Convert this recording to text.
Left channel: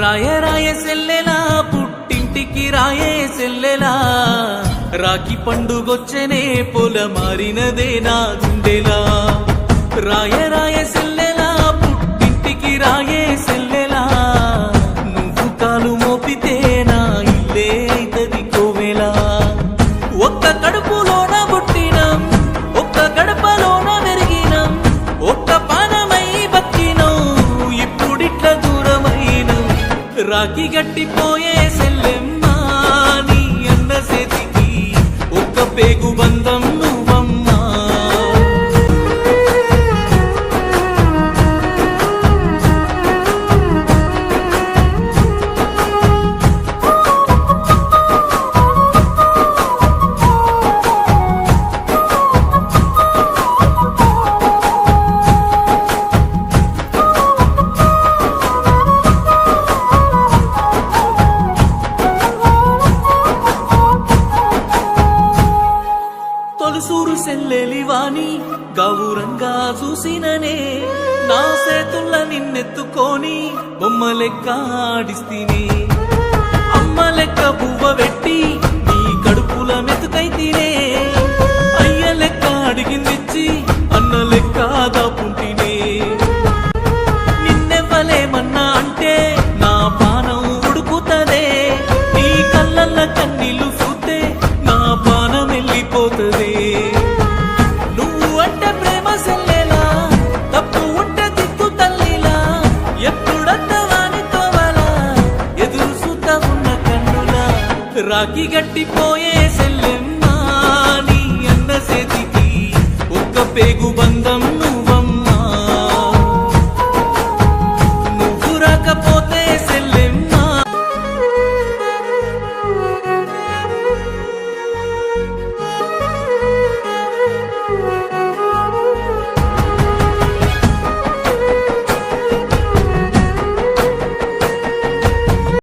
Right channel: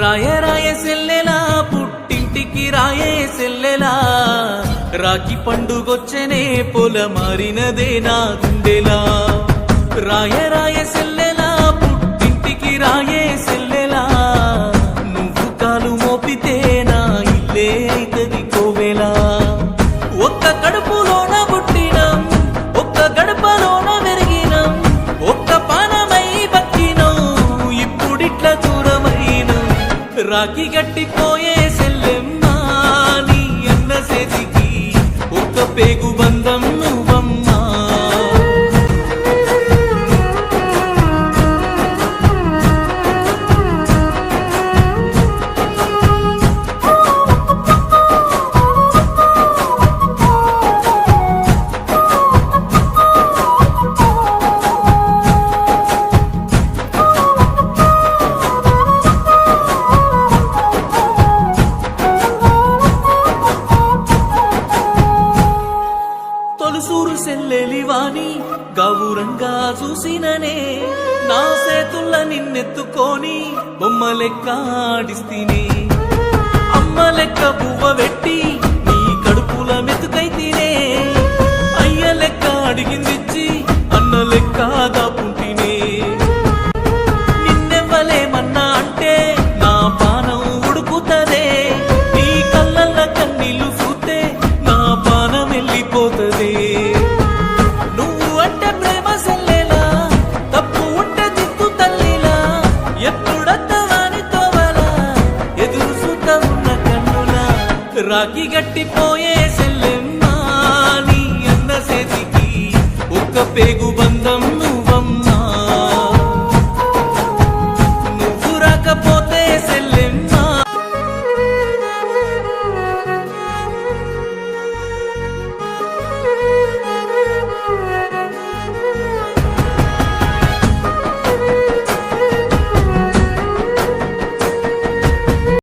రాయే రాయే సెల్లెలా పుట్టింటికి రాయే సెల్లెలా రాఖీ పండుగొచ్చనే పొల మారినదే నా గుండెలా రాయే రాయే సెల్లెలా పుట్టింటికి రాయే సెల్లెలా నువ్వు కాలు మోపితే నా ఇల్లే అయితది కోవెలా ఒక్క కడుపులోన పుట్టినం ఒక్క గడపలోన పెరిగినం ఒక్క పానమై బతికినం ఇప్పుడిట్ల దూరమైనం రాఖీ గట్టిపోయే సెల్లెమ్మా నీ అన్న చేతికి ఒక్క పేగు బంధం నువ్వమ్మా తొలుసూరు సెల్లెలివాని గౌరంగా చూసిననే నా సేతుల్ల నిన్నెత్తుకొని బొమ్మ లెక్క ఆడిస్తీనే అమ్మ లెక్క బువ్వ పెట్టి నీ కడుపుల మెతుకైతేనే అయ్య లెక్క అడిగిందిచ్చి అన్న లెక్క దాపుంటినే నిన్నెవ్వలేమన్నా అంటే నా పానం ఉడుకుతదే నీ కళ్ళల్ల కన్నీళ్లు చూస్తే నా పానం వెళ్ళిపోతదే నువ్వు అంటే ప్రేమ సెల్లెలా తప్పు ఉంటే దిక్కు తల్లిలా ఎప్పుడత్తవాని తోవలా ఎదురు చూత ఉన్న కన్నులా రాఖీ గట్టిపోయే సెల్లెమ్మా నీ అన్న చేతికి ఒక్క పేగు బంధం నువ్వు